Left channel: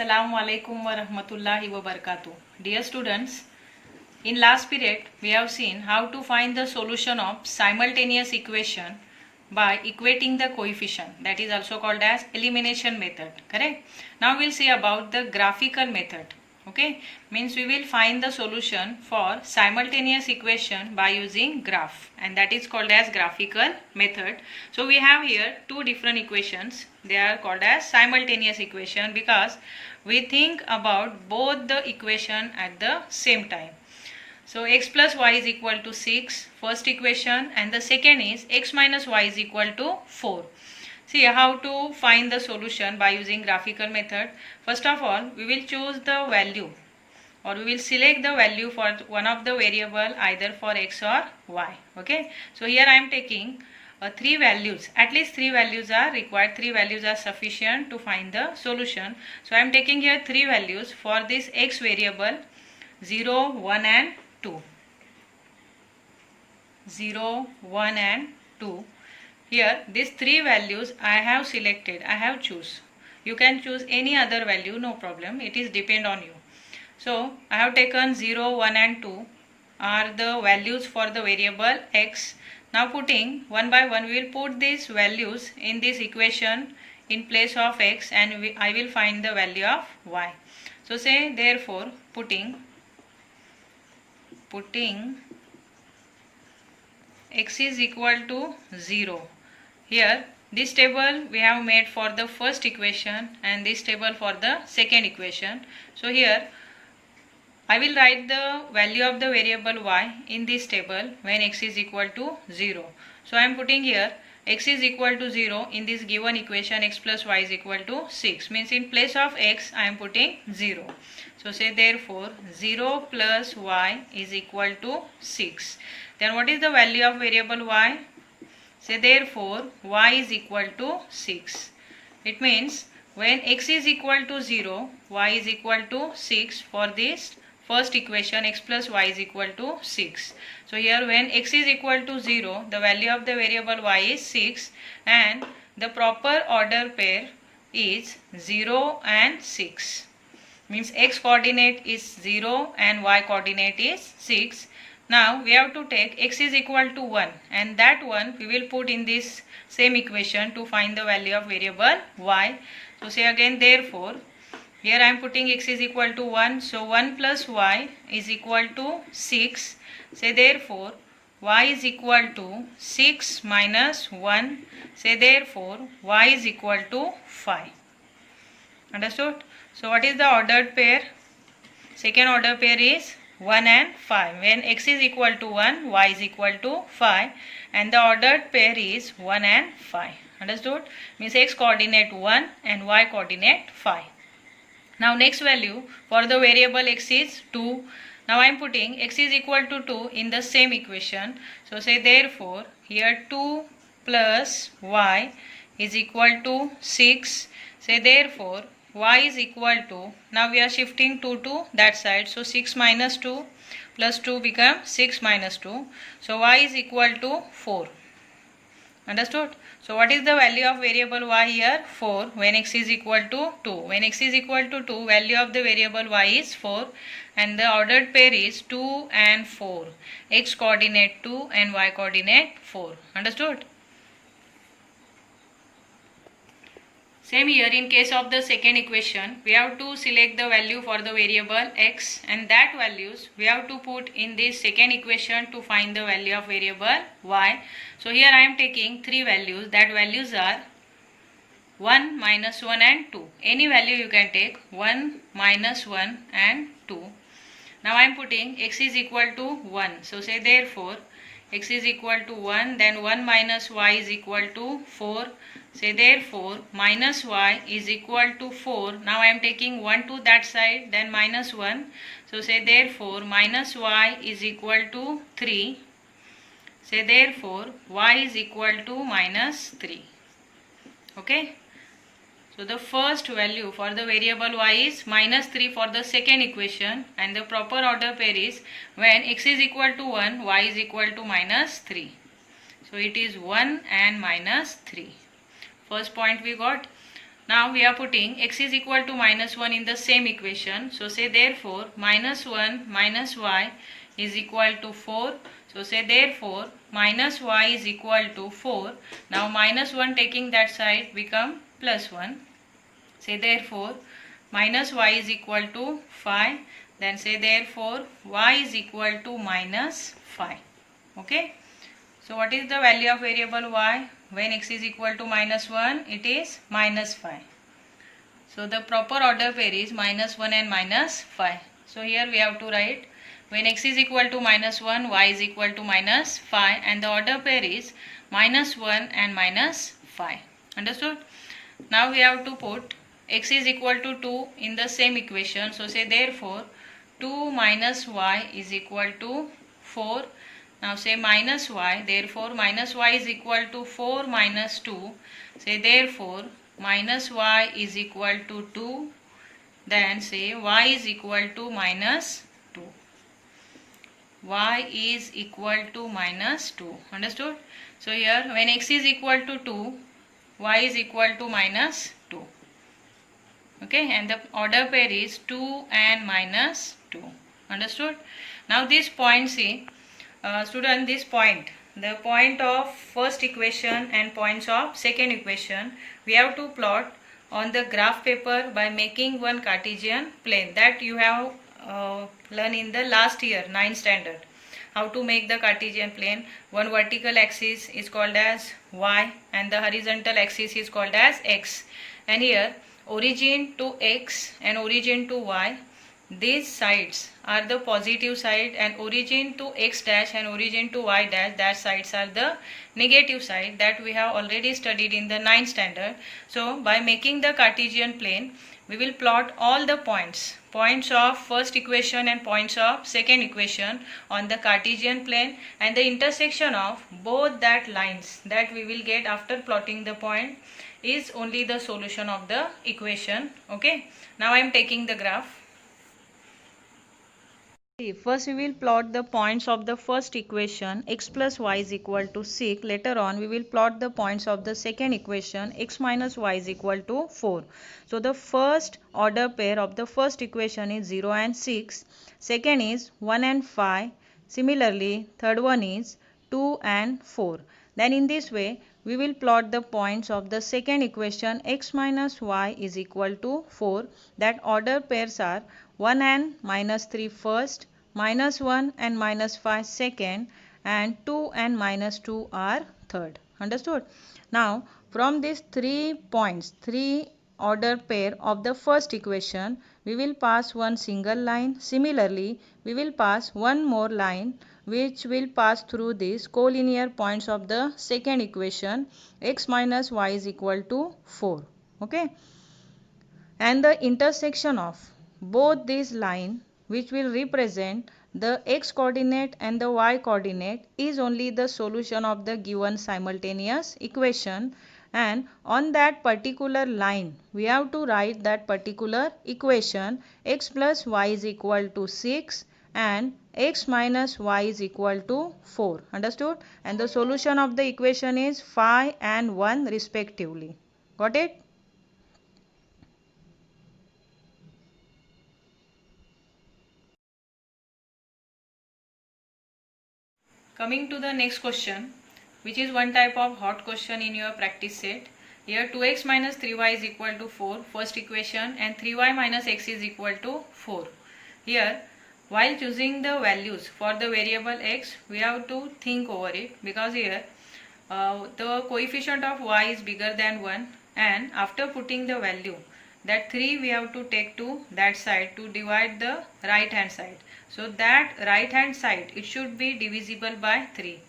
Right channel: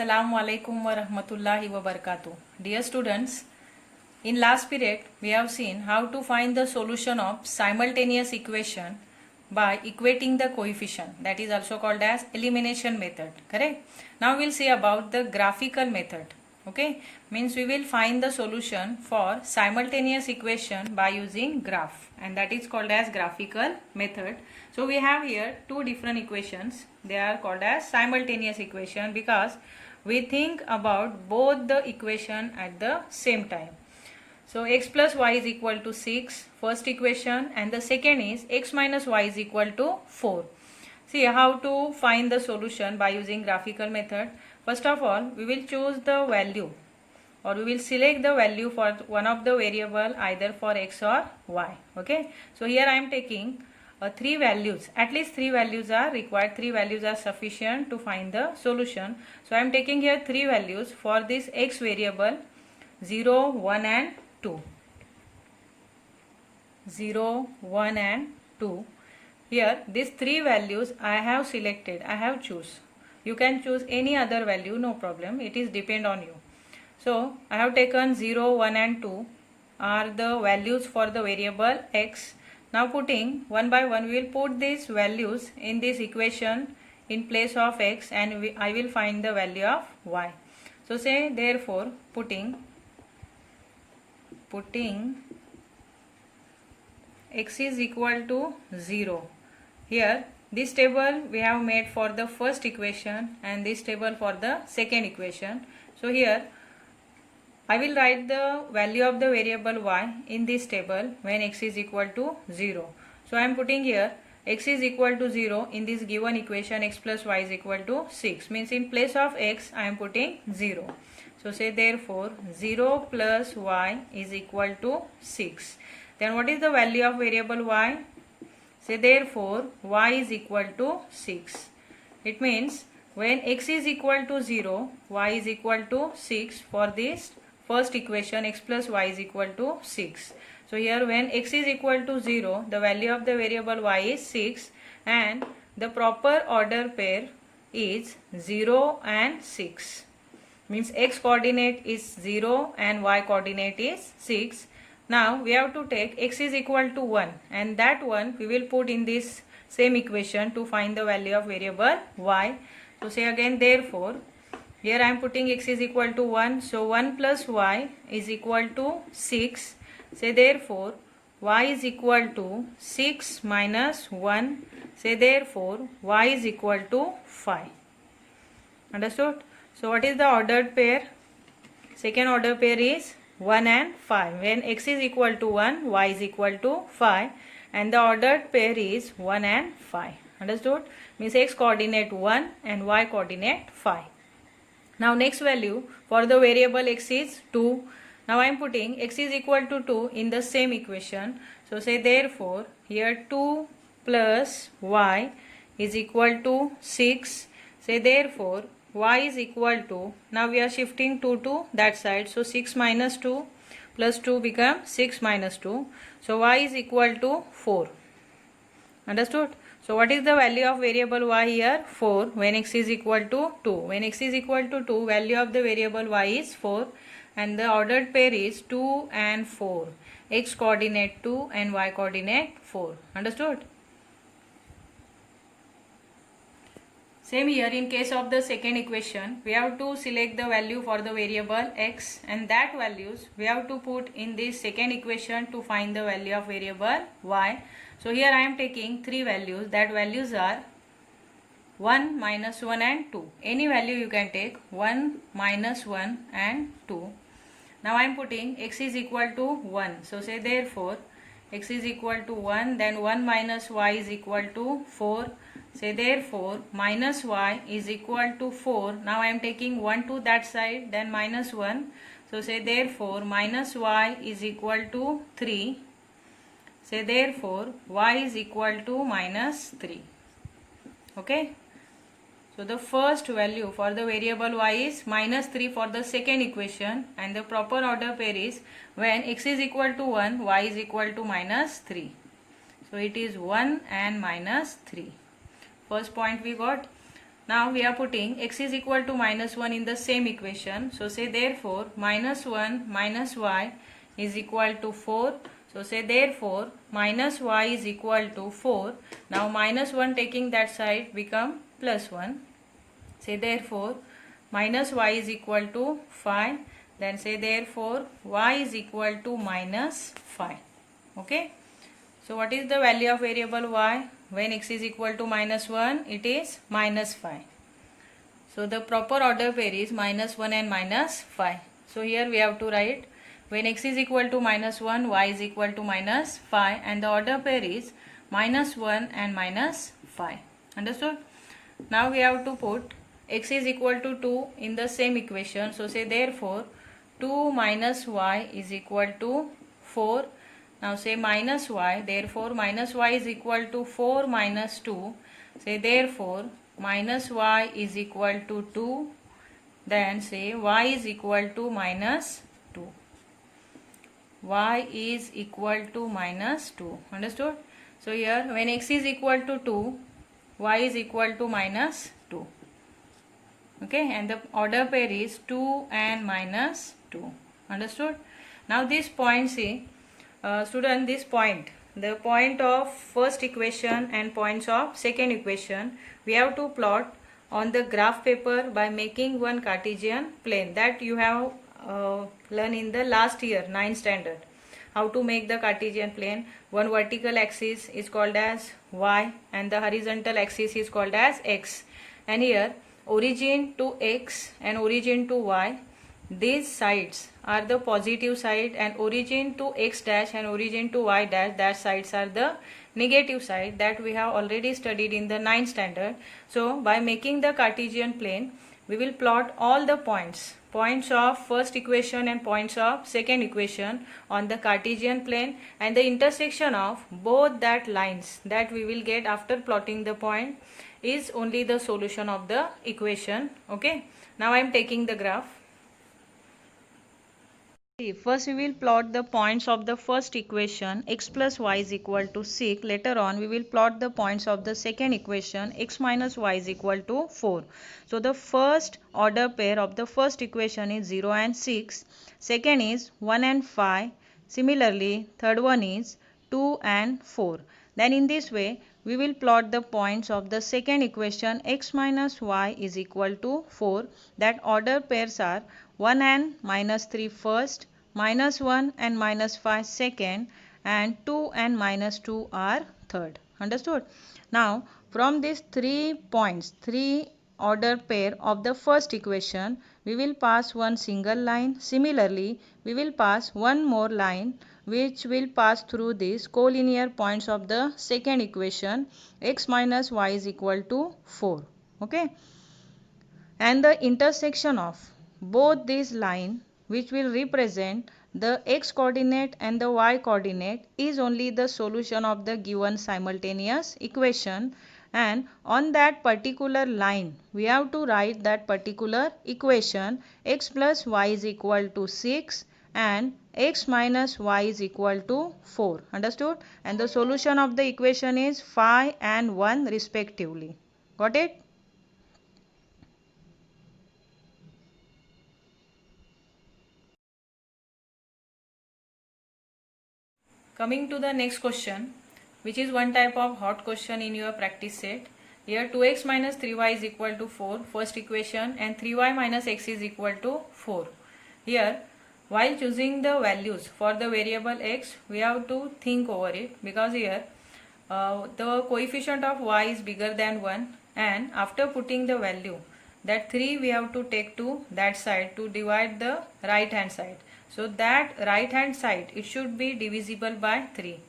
Assalamu alaikum wa rahmatullahi wa barakatuh. Dear students, in last period we have seen how to find the solution of simultaneous equation by equating the coefficient, that is also called as elimination method, correct? Now we'll see about the graphical method. Okay, means we will find the solution for simultaneous equation by using graph, and that is called as graphical method. So we have here two different equations. They are called as simultaneous equation because we think about both the equation at the same time. So x plus y is equal to 6, first equation, and the second is x minus y is equal to 4. See how to find the solution by using graphical method. First of all, we will choose the value, or we will select the value for one of the variable either for x or y. Okay, so here I am taking three values. At least three values are required. Three values are sufficient to find the solution. So I am taking here three values for this x variable: 0, 1 and 2. 0, 1 and 2. Here these three values I have selected, I have choose. You can choose any other value, no problem, it is depend on you. So I have taken 0, 1 and 2 are the values for the variable x. Now putting one by one, we will put these values in this equation in place of x, and I will find the value of y. So say therefore putting x is equal to 0. Here this table we have made for the first equation and this table for the second equation. So here I will write the value of the variable y in this table when x is equal to 0. So I am putting here x is equal to 0 in this given equation. X plus y is equal to 6, means in place of x I am putting 0. So say therefore 0 plus y is equal to 6. Then what is the value of variable y? Say therefore y is equal to 6. It means when x is equal to 0, y is equal to 6 for this first equation. X plus y is equal to 6. So here when x is equal to 0, the value of the variable y is 6, and the proper order pair is 0 and 6. Means x coordinate is 0 and y coordinate is 6. Now we have to take x is equal to 1, and that one we will put in this same equation to find the value of variable y. So say again therefore, here I am putting x is equal to 1, so 1 plus y is equal to 6. Say therefore y is equal to 6 minus 1. Say therefore y is equal to 5. Understood? So what is the ordered pair? Second order pair is 1 and 5. When x is equal to 1, y is equal to 5, and the ordered pair is 1 and 5. Understood? Means x coordinate 1 and y coordinate 5. Now next value for the variable x is 2. Now I am putting x is equal to 2 in the same equation. So say therefore here 2 plus y is equal to 6. Say therefore y is equal to, now we are shifting 2 to that side, so 6 minus 2 plus 2 become 6 minus 2. So y is equal to 4. Understood? So what is the value of variable y here? 4 when x is equal to 2. When x is equal to 2, value of the variable y is 4, and the ordered pair is 2 and 4. X coordinate 2 and y coordinate 4. Understood? Same here in case of the second equation, we have to select the value for the variable x, and that values we have to put in this second equation to find the value of variable y. So here I am taking three values. That values are 1, minus 1 and 2. Any value you can take, 1, minus 1 and 2. Now I am putting x is equal to 1. So say therefore x is equal to 1, then 1 minus y is equal to 4. Say therefore minus y is equal to 4. Now I am taking 1 to that side, then minus 1. So say therefore minus y is equal to 3. Say therefore y is equal to minus 3. Okay. So the first value for the variable y is minus 3 for the second equation, and the proper order pair is when x is equal to 1, y is equal to minus 3. So it is 1 and minus 3. First point we got. Now we are putting x is equal to minus 1 in the same equation. So say therefore minus 1 minus y is equal to 4. So say therefore minus y is equal to 4. Now minus 1 taking that side become plus 1. Say therefore minus y is equal to 5. Then say therefore y is equal to minus 5. Okay. So what is the value of variable y? When x is equal to minus 1, it is minus 5. So the proper order pair is minus 1 and minus 5. So here we have to write when x is equal to minus 1, y is equal to minus 5, and the order pair is minus 1 and minus 5. Understood? Now we have to put x is equal to 2 in the same equation. So say therefore 2 minus y is equal to 4. Now say minus y, therefore minus y is equal to 4 minus 2. Say therefore minus y is equal to 2. Then say y is equal to minus 2. Y is equal to minus 2. Understood? So here when x is equal to 2, y is equal to minus 2. Okay, and the order pair is 2 and minus 2. Understood? Now this point, see, student, this point, the point of first equation and points of second equation, we have to plot on the graph paper by making one Cartesian plane that you have learned in the last year 9th standard. How to make the Cartesian plane? One vertical axis is called as y and the horizontal axis is called as x. And here origin to x and origin to y, these sides are the positive side, and origin to x dash and origin to y dash, that sides are the negative side that we have already studied in the 9th standard. So by making the Cartesian plane, we will plot all the points of first equation and points of second equation on the Cartesian plane, and the intersection of both that lines that we will get after plotting the point is only the solution of the equation. Okay, now I am taking the graph. First we will plot the points of the first equation, x plus y is equal to 6. Later on we will plot the points of the second equation, x minus y is equal to 4. So the first order pair of the first equation is 0 and 6. Second is 1 and 5. Similarly, third one is 2 and 4. Then in this way we will plot the points of the second equation, x minus y is equal to 4. That order pairs are 1 and minus 3 first, minus 1 and minus 5 second, and 2 and minus 2 are third. Understood? Now from these 3 points, 3 order pair of the first equation, we will pass one single line. Similarly, we will pass one more line which will pass through these collinear points of the second equation, x minus y is equal to 4. Okay, and the intersection of both these lines, which will represent the x coordinate and the y coordinate, is only the solution of the given simultaneous equation. And on that particular line we have to write that particular equation, x plus y is equal to 6 and x minus y is equal to 4. Understood? And the solution of the equation is 5 and 1 respectively. Got it? Coming to the next question, which is one type of hot question in your practice set. Here 2x minus 3y is equal to 4, first equation, and 3y minus x is equal to 4. Here, while choosing the values for the variable x, we have to think over it, because here the coefficient of y is bigger than 1, and after putting the value, that 3 we have to take to that side to divide the right hand side. So that right hand side, it should be divisible by 3.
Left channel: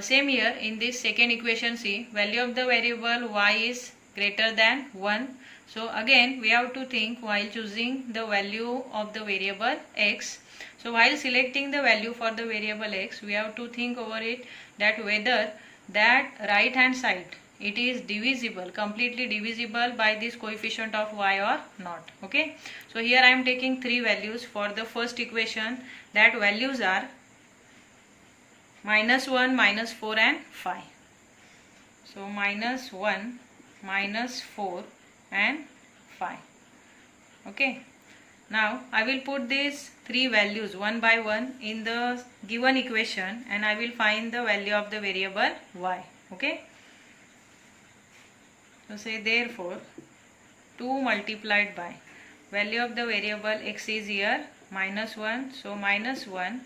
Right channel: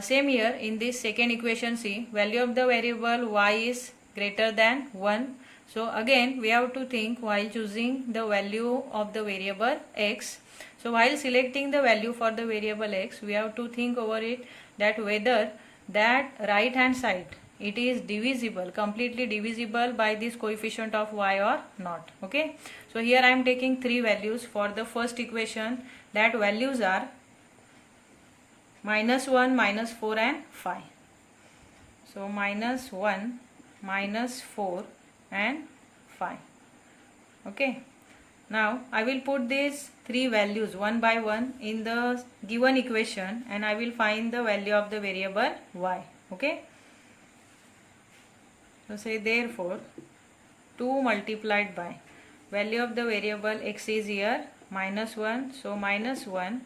Same here in this second equation, see, value of the variable y is greater than 1. So again we have to think while choosing the value of the variable x. So while selecting the value for the variable x, we have to think over it that whether that right hand side, it is divisible, completely divisible by this coefficient of y or not. Okay, so here I am taking 3 values for the first equation. That values are minus 1, minus 4 and 5. So minus 1, minus 4 and 5. Okay. Now I will put these three values one by one in the given equation and I will find the value of the variable y. Okay. So say therefore 2 multiplied by value of the variable x is here -1. So -1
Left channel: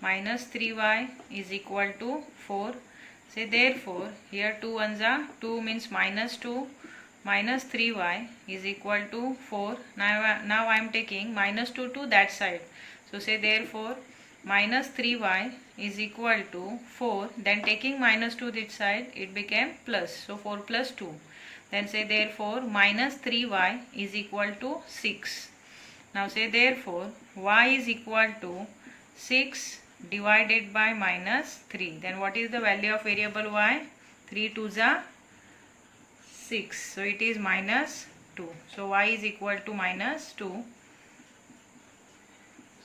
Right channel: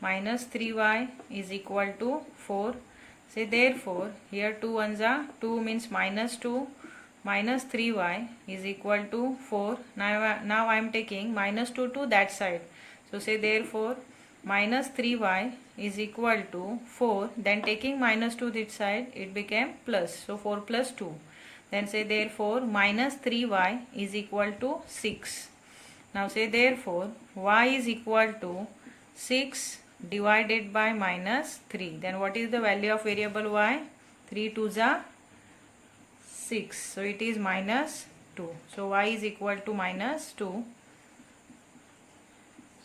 minus 3y is equal to 4. Say therefore here 2 ones are 2 means -2 minus 3y is equal to 4. Now I am taking -2 to that side. So say therefore minus 3y is equal to 4. Then taking -2 this side it became plus. So 4 plus 2. Then say therefore minus 3y is equal to 6. Now say therefore y is equal to 6 divided by -3. Then what is the value of variable y? 3 2s are 6. So it is -2. So y is equal to -2.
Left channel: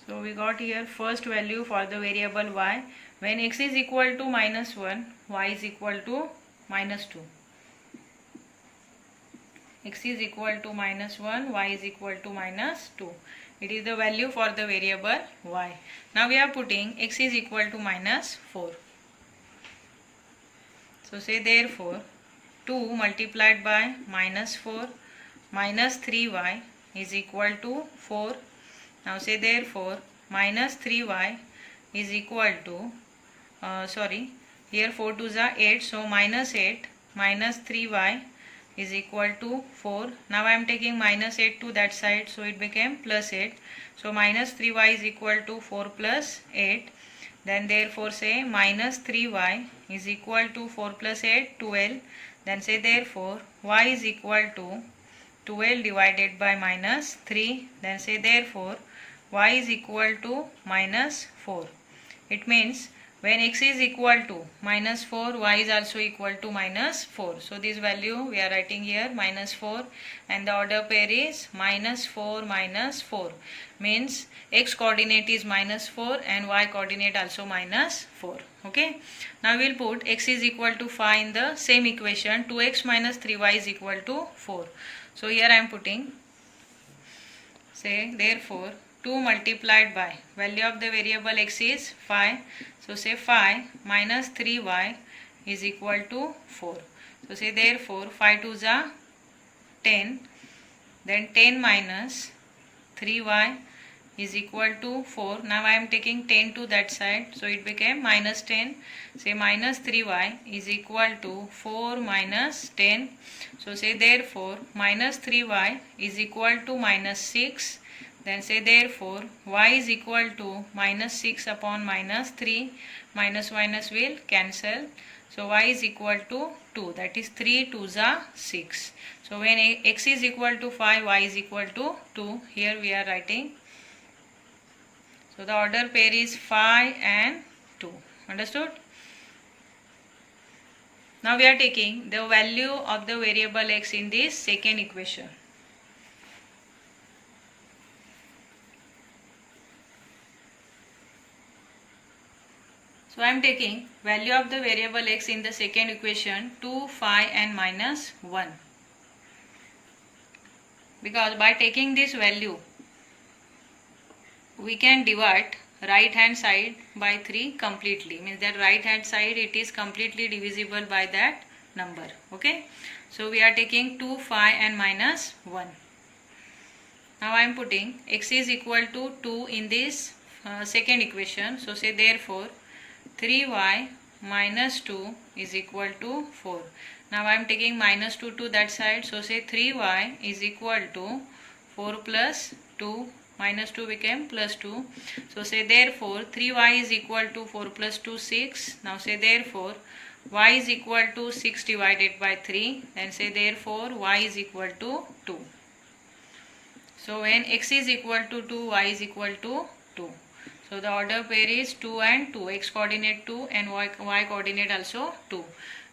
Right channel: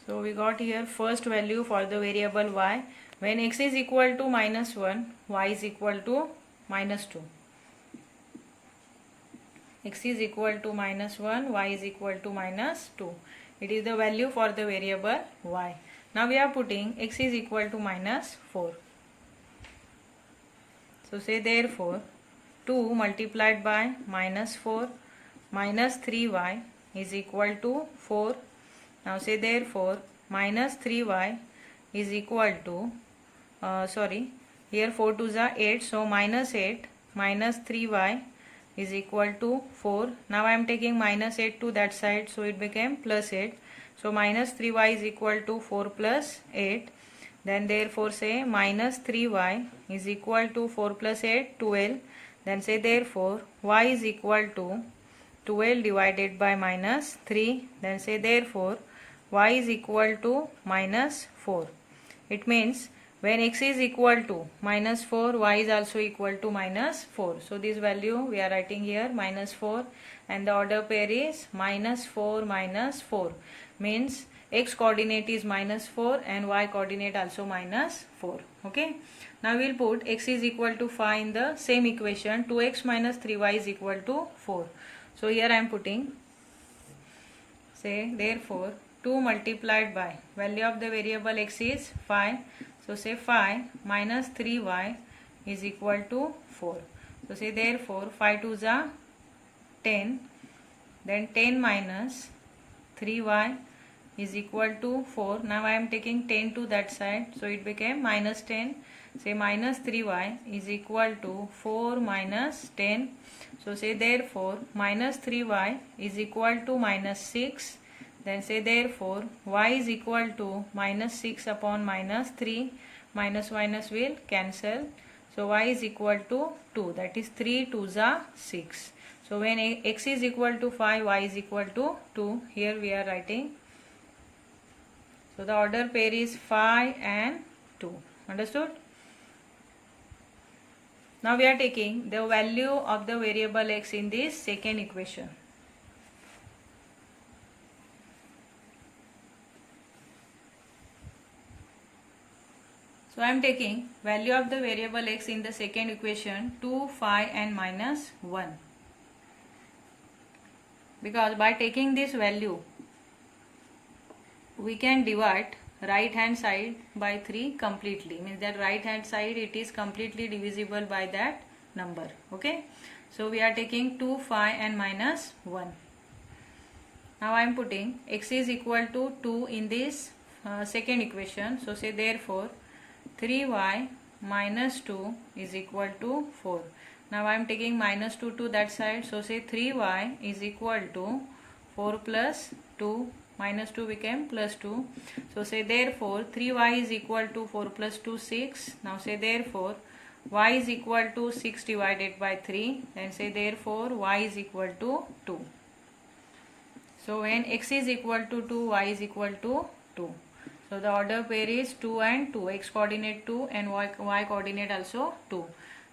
So we got here first value for the variable y. When x is equal to -1, y is equal to -2. X is equal to -1, y is equal to -2. It is the value for the variable y. Now we are putting x is equal to -4. So say therefore 2 multiplied by -4 minus 3y is equal to 4. Now say therefore minus 3y is equal to here 4 2s are 8. So -8 minus 3y is equal to 4. Now I am taking -8 to that side, so it became +8. So minus 3y is equal to 4 plus 8. Then therefore say minus 3y is equal to 4 plus 8, 12. Then say therefore y is equal to 12 divided by -3. Then say therefore y is equal to -4. It means when x is equal to -4, y is also equal to -4. So this value we are writing here -4 and the order pair is -4 -4. Means x coordinate is -4 and y coordinate also -4. Okay. Now we will put x is equal to 5 in the same equation. 2x minus 3y is equal to 4. So here I am putting, say therefore 2 multiplied by value of the variable x is 5. So say 5 minus 3y is equal to 4. So say therefore 5 2s are 10. Then 10 minus 3y is equal to 4. Now I am taking 10 to that side. So it became -10. Say minus 3y is equal to 4 minus 10. So say therefore minus 3y is equal to -6. Then say therefore y is equal to -6 upon -3. Minus will cancel. So y is equal to 2. That is 3 2s are 6. So when x is equal to 5, y is equal to 2. Here we are writing. So the order pair is 5 and 2. Understood? Now we are taking the value of the variable x in this second equation. So I am taking value of the variable x in the second equation 2, 5 and -1. Because by taking this value we can divide right hand side by 3 completely. Means that right hand side it is completely divisible by that number. Okay. So we are taking 2, 5 and -1. Now I am putting x is equal to 2 in this second equation. So say therefore 3y minus 2 is equal to 4. Now I am taking -2 to that side. So say 3y is equal to 4 plus 2. -2 became +2. So say therefore 3y is equal to 4 plus 2, 6. Now say therefore y is equal to 6 divided by 3. Then say therefore y is equal to 2. So when x is equal to 2, y is equal to 2. So the order pair is 2 and 2. X coordinate 2 and y coordinate also 2.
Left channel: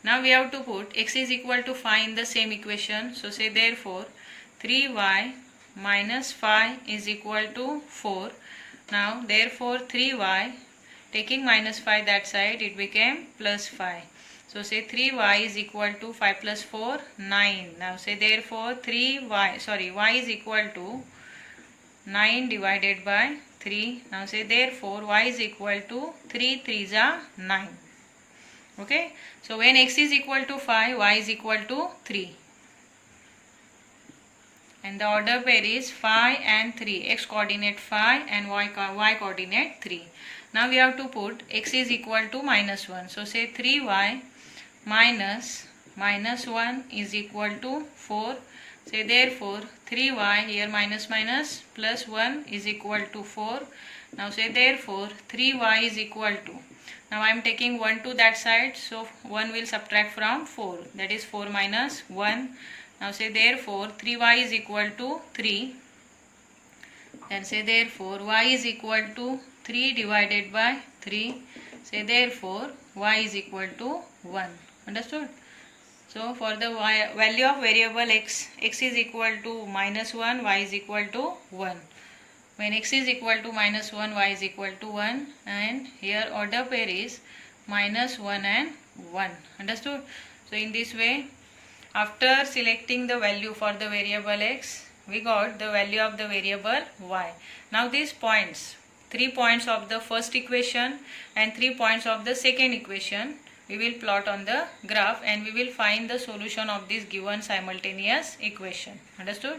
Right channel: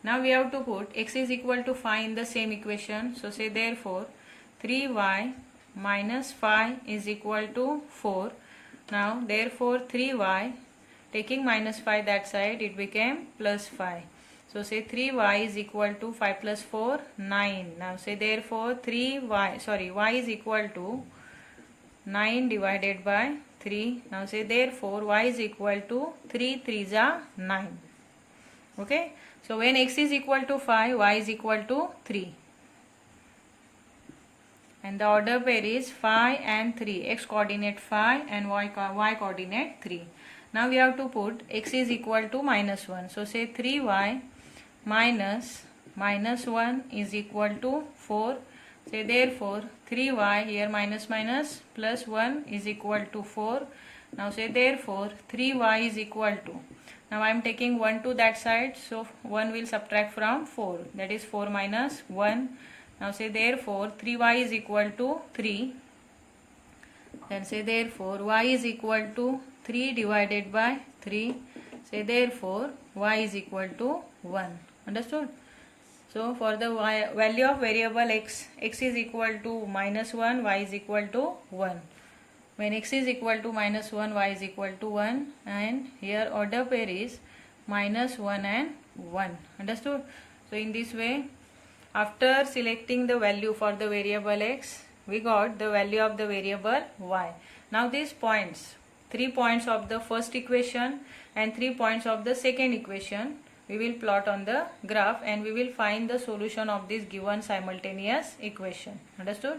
Now we have to put x is equal to 5 in the same equation. So say therefore 3y minus 5 is equal to 4. Now therefore 3y, taking -5 that side, it became +5. So say 3y is equal to 5 plus 4, 9. Now say therefore y is equal to 9 divided by 3. Now say therefore y is equal to 3 3s are 9. Okay. So when x is equal to 5, y is equal to 3. And the order pair is 5 and 3. X coordinate 5 and y coordinate 3. Now we have to put x is equal to minus 1. So say 3y minus 1 is equal to 4. Say therefore 3y, here minus plus 1 is equal to 4. Now say therefore 3y is equal to, now I am taking 1 to that side, so 1 will subtract from 4, that is 4 minus 1. Now say therefore 3y is equal to 3. Then say therefore y is equal to 3 divided by 3. Say therefore y is equal to 1. Understood? So for the value of variable x is equal to minus 1, y is equal to 1. When x is equal to minus 1, y is equal to 1, and here order pair is minus 1 and 1. Understood? So in this way, after selecting the value for the variable x, we got the value of the variable y. Now these points, 3 points of the first equation and 3 points of the second equation, we will plot on the graph and we will find the solution of this given simultaneous equation. Understood?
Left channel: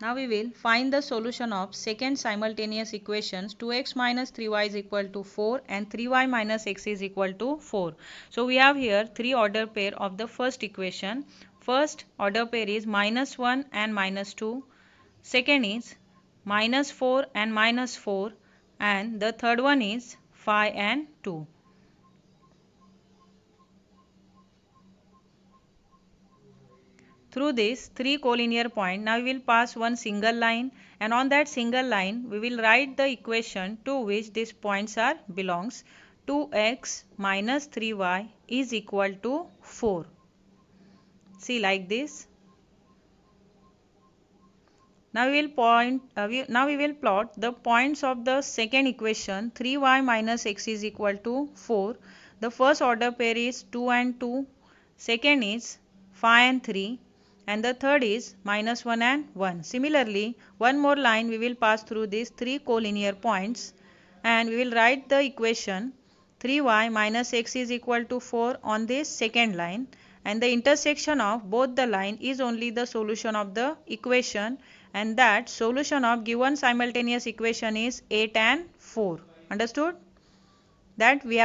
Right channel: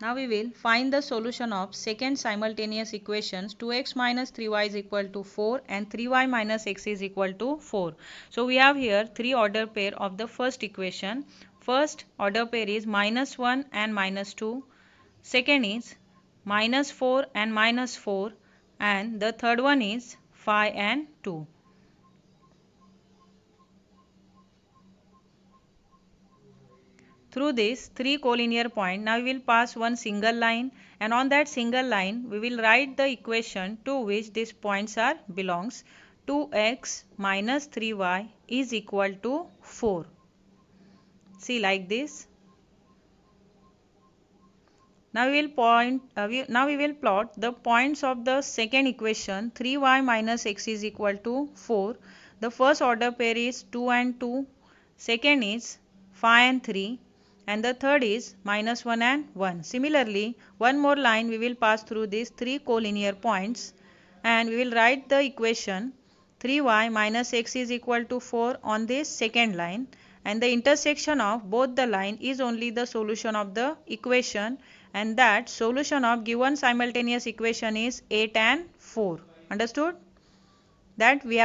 Now we will find the solution of second simultaneous equations. 2x minus 3y is equal to 4 and 3y minus x is equal to 4. So we have here 3 order pair of the first equation. First order pair is minus 1 and minus 2. Second is minus 4 and minus 4. And the third one is 5 and 2. Through this 3 collinear point, now we will pass one single line, and on that single line we will write the equation to which these points are belongs. 2x minus 3y is equal to 4. See, like this. Now we will plot the points of the second equation. 3y minus x is equal to 4. The first order pair is 2 and 2. Second is 5 and 3. And the third is minus 1 and 1. Similarly, one more line we will pass through these 3 collinear points, and we will write the equation 3y minus x is equal to 4 on this second line, and the intersection of both the line is only the solution of the equation, and that solution of given simultaneous equation is 8 and 4. Understood? That we have